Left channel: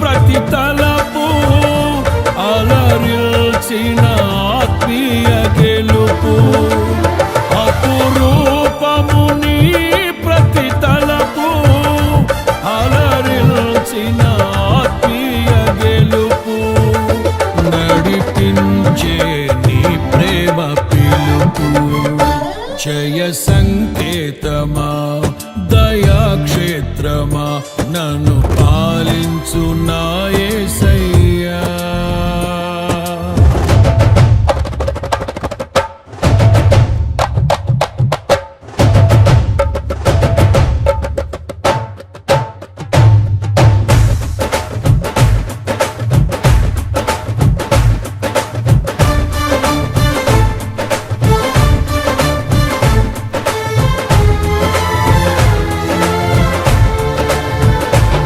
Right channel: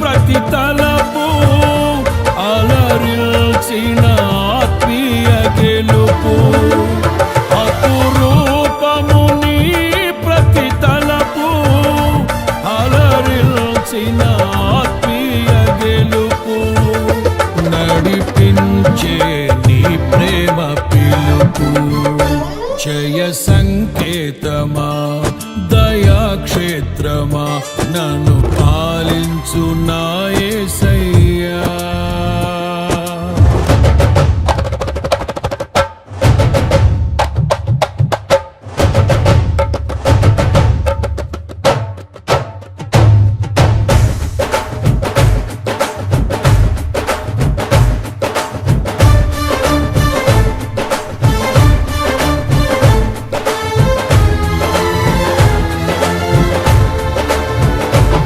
ప్రతి తలపు అలరిల్చిన ఆత్మీయ గెలుపు అపురూపము నీ ప్రతి తలపు అలరిల్చిన ఆత్మీయ గెలుపు నడిపించే నీ ప్రేమ పిలుపు జయ సంకేతమా దయాక్షేత్రమా నన్ను పాలించు నా